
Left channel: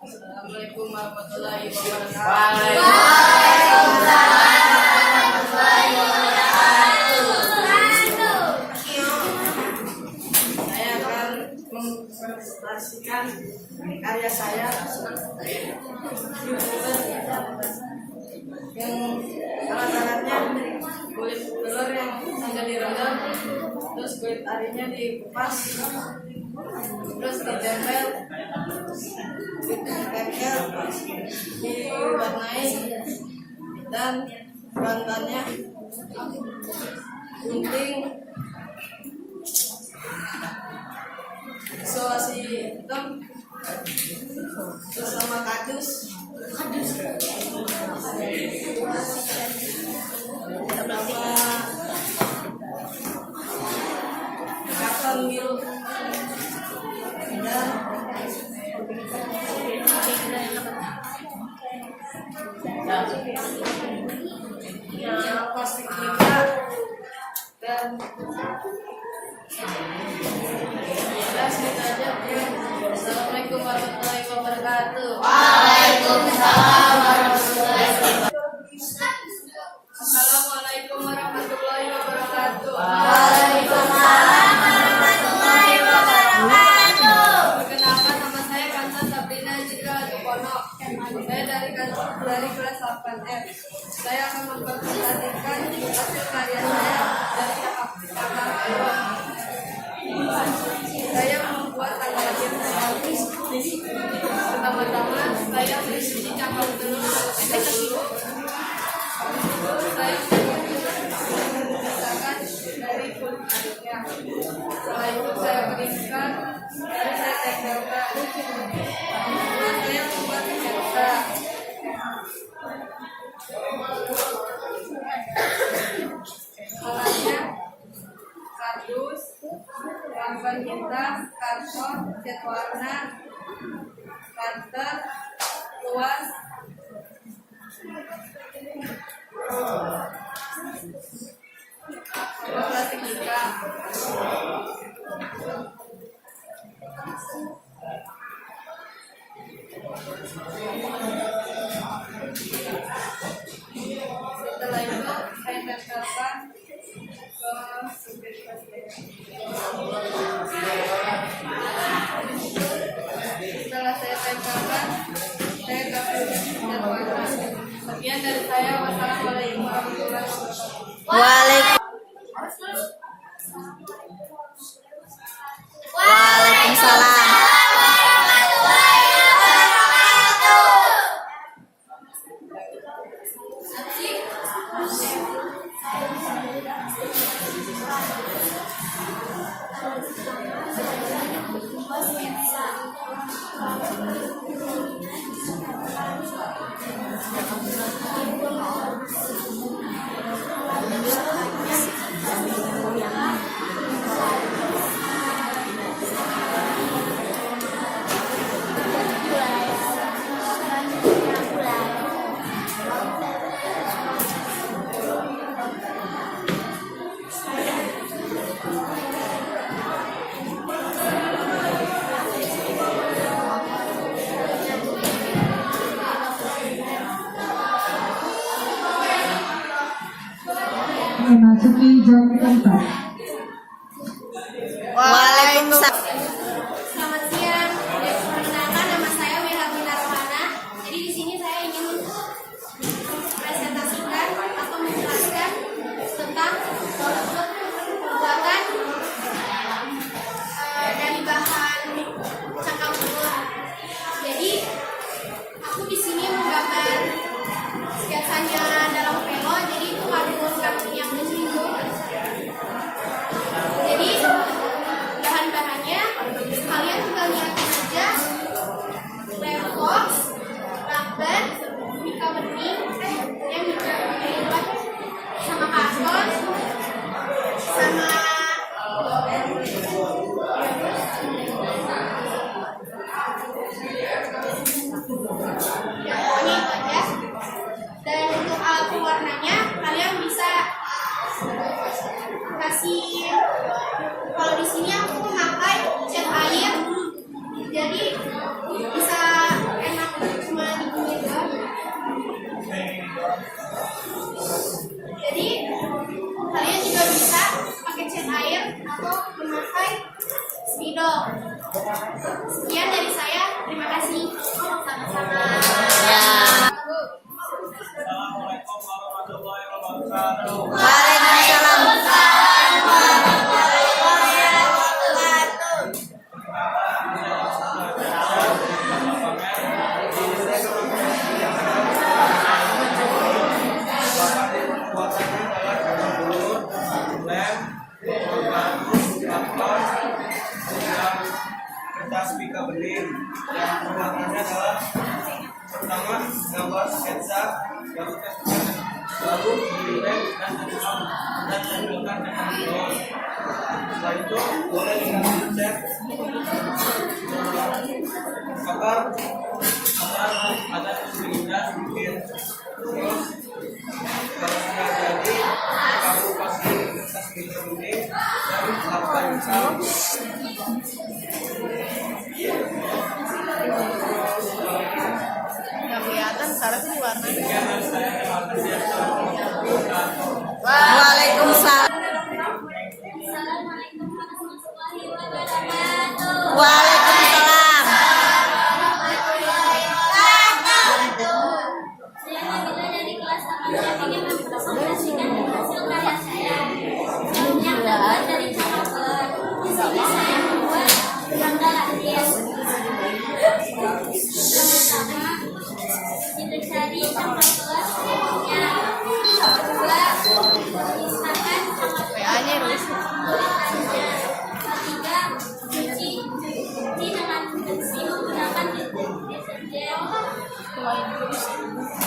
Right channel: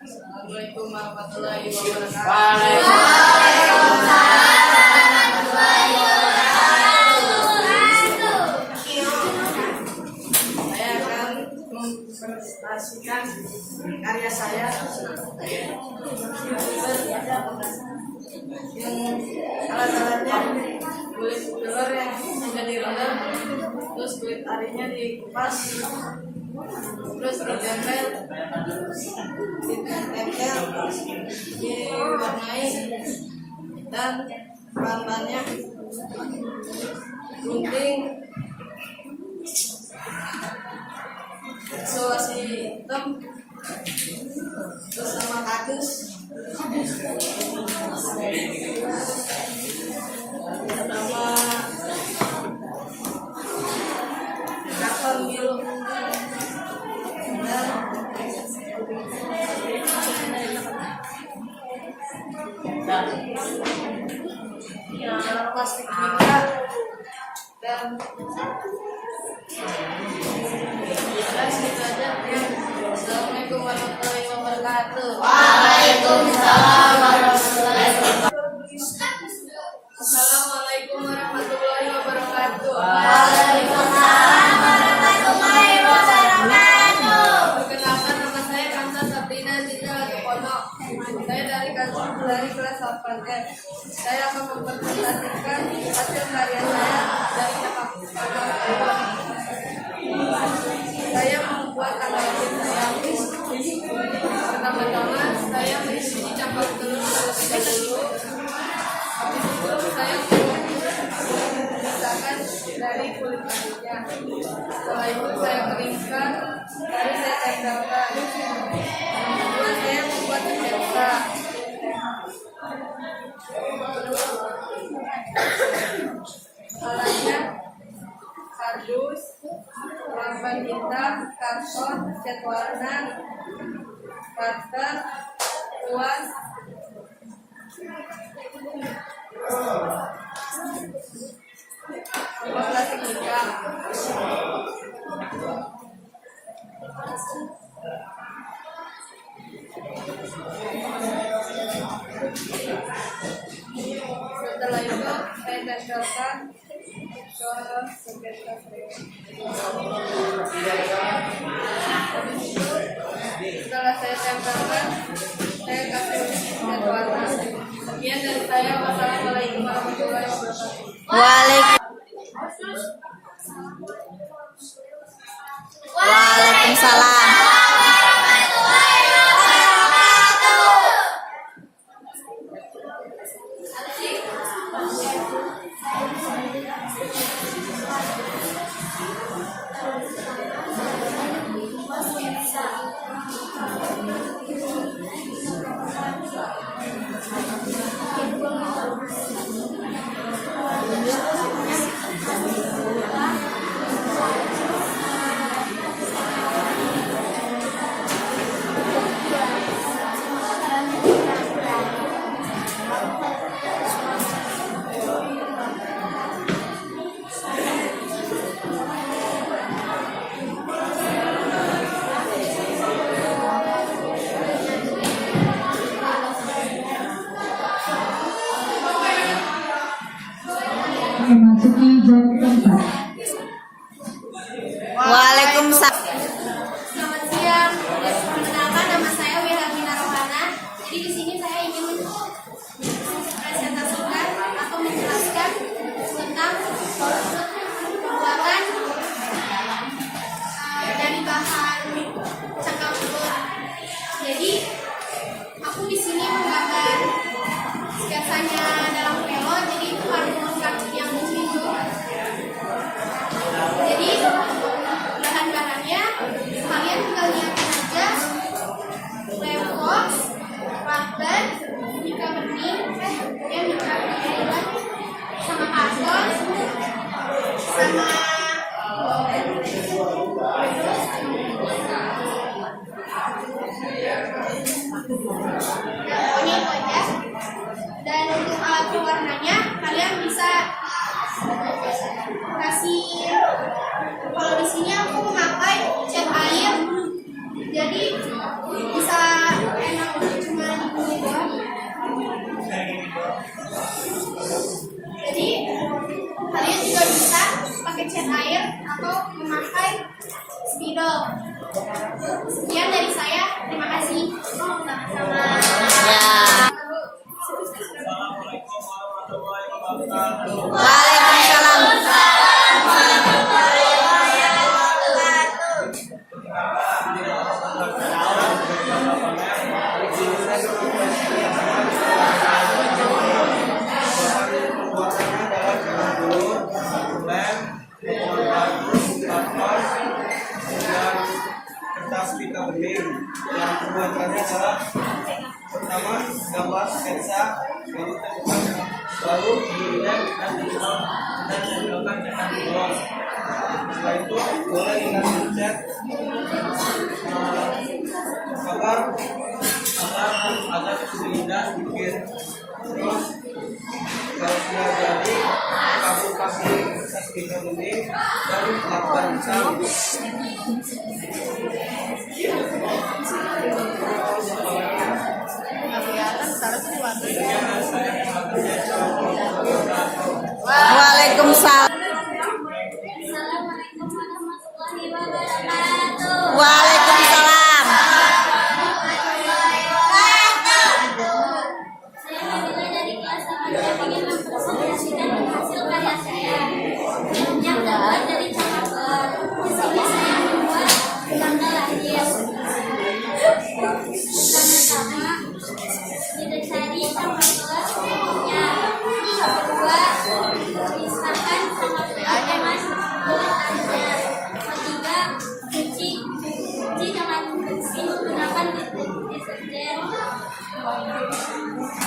Assalamualaikum warahmatullahi wabarakatuh. Saya akan mempresentasikan karya saya yang alat-alatnya kulit telur yang sudah direndam, terus kulit arinya dikupas, terus ditempel, diwarnai, dan bahan-bahannya gunting, isolasi hitam, terus sama kardus, sama karton biru, dan plastik juga, dan udah segitu aja. Assalamualaikum warahmatullahi wabarakatuh. Waalaikumsalam warahmatullahi wabarakatuh. Assalamualaikum warahmatullahi wabarakatuh. Waalaikumsalam warahmatullahi wabarakatuh. Perkenalkan, nama saya Kansa Sabrina Zidra Latukono. Saya dari kelas 8F. Saya akan mempresentasikan hasil karya saya dari cakap keluar. Saya membuat tanggal lahir saya. Pertama-tama saya mengisi cakap telur terlebih dahulu. Habis itu saya memisahkan dari kulit kulitnya. Setelah itu saya keringkan, baru saya tempelkan. Yang kedua saya membuat sketsa. Alatnya kardus, lakban hitam, karton, cat warna, cutter, kuas, sama plastik nikah. Setelah itu saya tempelkan ke sketsa saya. Habis itu setelah saya tempelkan, saya kasih cat warna. Sekian dari saya. Wassalamualaikum warahmatullahi wabarakatuh. Waalaikumsalam. Memasuki jam keempat. Waalaikumsalam. Selamat siang. Perkenalkan, nama saya Wilhelmina Rohana. Jadi di sini saya ingin mempresentasikan atau menjelaskan tentang pembuatan dari bahan cangkang telur. Jadi aku di sini menggambar sketsanya dalam pelo. Jadi itu kartun yang lucu itu. Jadi bahan-bahannya kalian tinggal lihatin aja: lembox, lakban, mika bening, mika sama karton, sama ya, pokoknya itu aja. Dan untuk alat pewarnanya kalian bisa kasih, kalau di sini aku memakai cat air, jadi bisa enak cuma digini doang. Jadi kalian juga bisa pakai cat air atau memakai spidol. Sekian dari saya, terima kasih. Sama-sama. Assalamualaikum warahmatullahi wabarakatuh. Waalaikumsalam. bening. Yang pembuatannya adalah pertama gambar sketsa, lalu tempat, lalu dilem dan ditempelkan dengan keluar. Setelah itu boleh dikasih cat agar lebih indah sedikit. Terus kalau sudah jadi, kamu kasih stiker bening dan lakban hitam. Waalaikumsalam. Assalamualaikum warahmatullahi wabarakatuh. Waalaikumsalam. Saya Nabila dari kelas 8. Saya ingin mempresentasikan hasil karya saya yang terbuat dari cap paper. Di sini saya membuat tanggal lahir. Pertama-tama kita cari cap paper berikutnya. Kedua, pisahkan cap paper dengan kulit airnya. Ketiga, cuci dengan bersih menggunakan deterjen.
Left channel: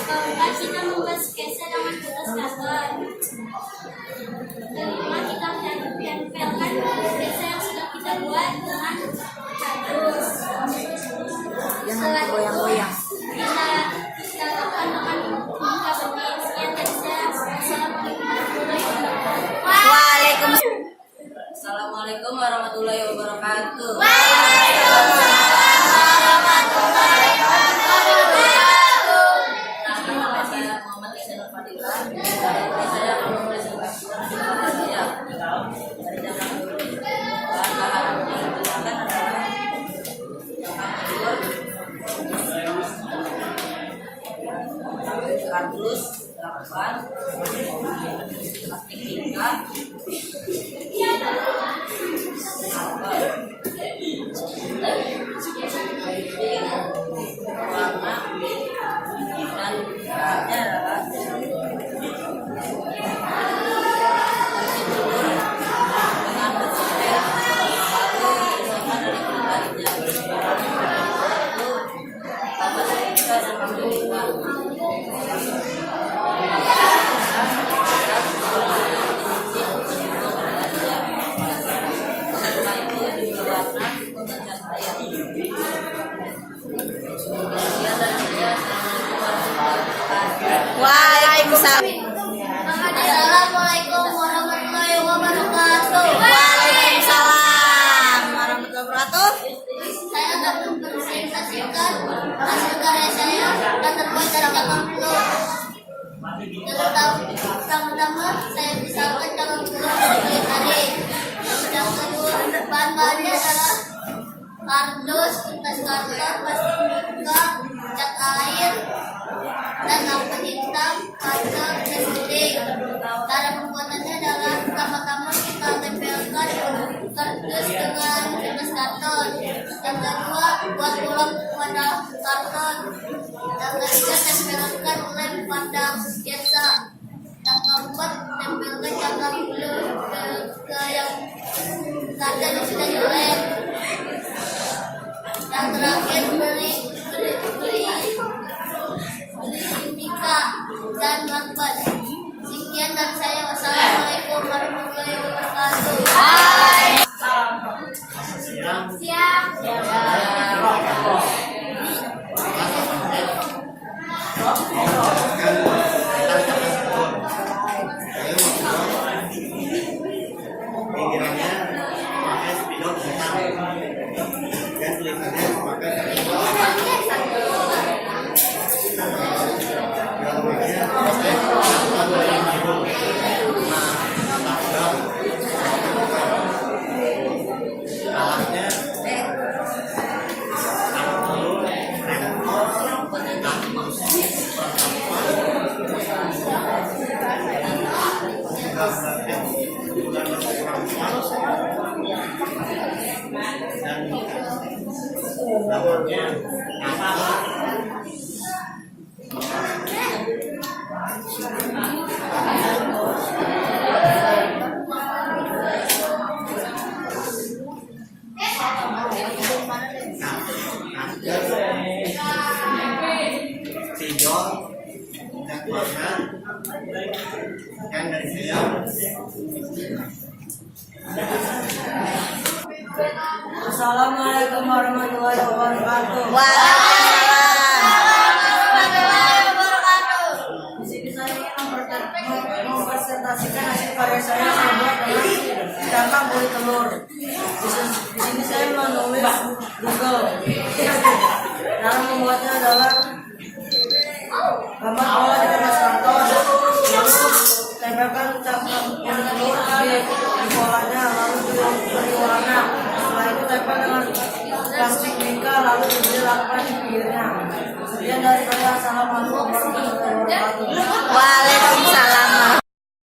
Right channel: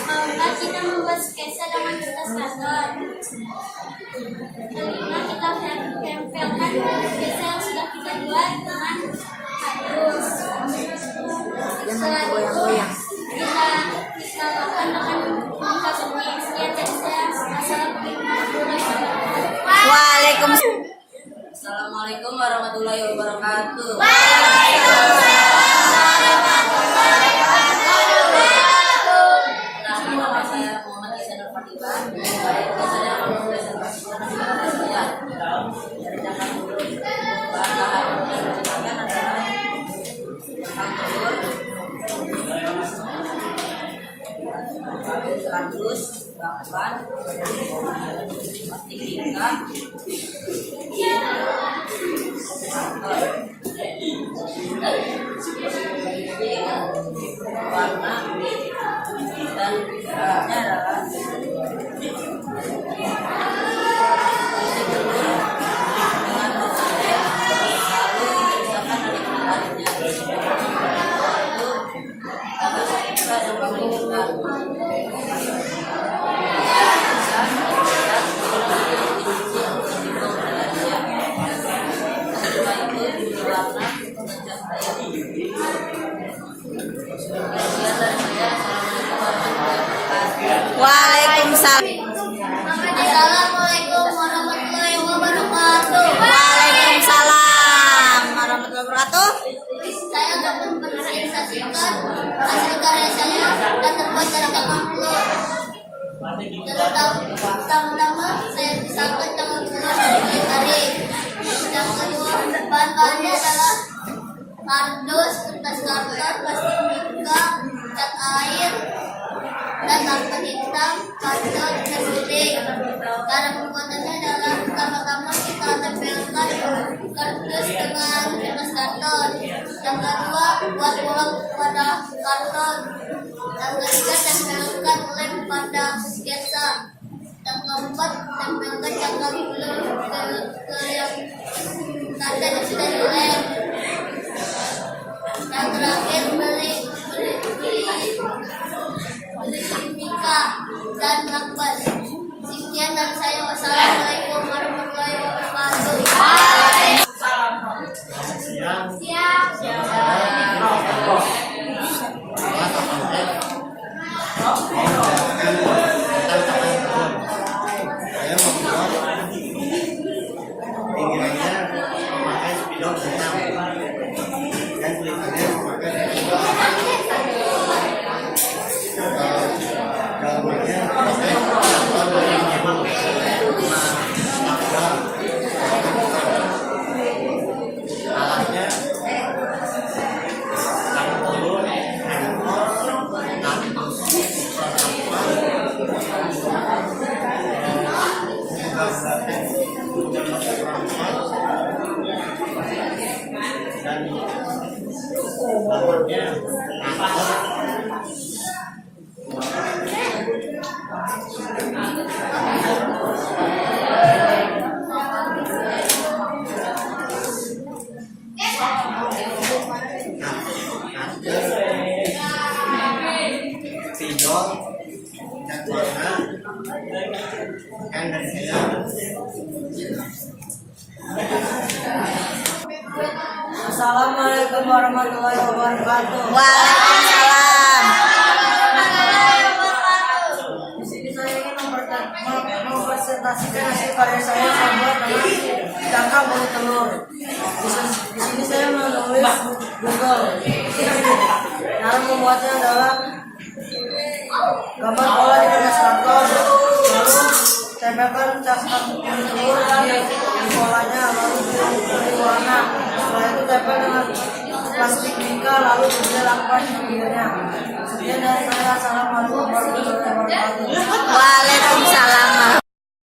Keempat, kita membuat sketsa dengan kertas karton. Kelima, kita tempelkan sketsa yang sudah kita buat dengan kardus. Setelah itu, kita lakukan dengan buka benih. Sekian dari saya. Assalamualaikum warahmatullahi wabarakatuh. Waalaikumsalam. Assalamualaikum warahmatullahi wabarakatuh. Nama saya Muhammad Isyana Fadila. Kali ini saya akan mempresentasikan hasil karya saya dari cangkang telur. Bahan-bahan yang digunakan adalah cangkang telur, kardus, lakban, plastik tingkat, marker, warna, dan bahannya adalah isi telur dengan berpikir lalu dipindahkan dari kulit arinya. Itu tambah kita dan pemerintah. Setelah itu diberi warna dan cat air. Sekian dari saya. Assalamualaikum warahmatullahi wabarakatuh. Waalaikumsalam. Assalamualaikum warahmatullahi wabarakatuh. Waalaikumsalam warahmatullahi wabarakatuh. Saya akan mempresentasikan hasil karya saya yang terbuat dari cangkang telur. Pertama-tama saya pisahkan cangkang telur dari kulit ari. Yang kedua, bahan-bahannya adalah kardus, kertas karton, plastik mika, cat air, dan lakban hitam, kacang, dan bening. Cara pembuatannya adalah pertama-tama kita tempelkan kardus dengan kertas karton. Yang kedua, buat bolong pada karton. Yang ketiga, tempelkan lem pada sketsa. Yang keempat, tempelkan cangkang telur ke yang tanda sudah dilem. Yang terakhir, beli mika dan lakban. Sekian dari saya. Wassalamualaikum warahmatullahi wabarakatuh. Siap. Saya membuat pinggirannya pakai spidol hitam dan tulisannya pakai dalamannya pakai lakban warna biru, lakban alatnya cangkang telur, rempor, kardus, perkampungan, gambar perempuan dan namanya Assalamualaikum warahmatullahi wabarakatuh. Waalaikumsalam. Di sini saya ingin mempresentasikan hasil karya saya buat dengan cangkang kulit telur. Di sini saya menulis Google. Cara membuatnya adalah gambar bola dikemas karton, lalu tempelkan cangkang kulit telur di bolanya, lalu beri warna. Setelah itu tempel dengan plastik mica, lalu diberi lakban di pinggirnya. Sekian dari saya. Assalamualaikum warahmatullahi wabarakatuh. Waalaikumsalam.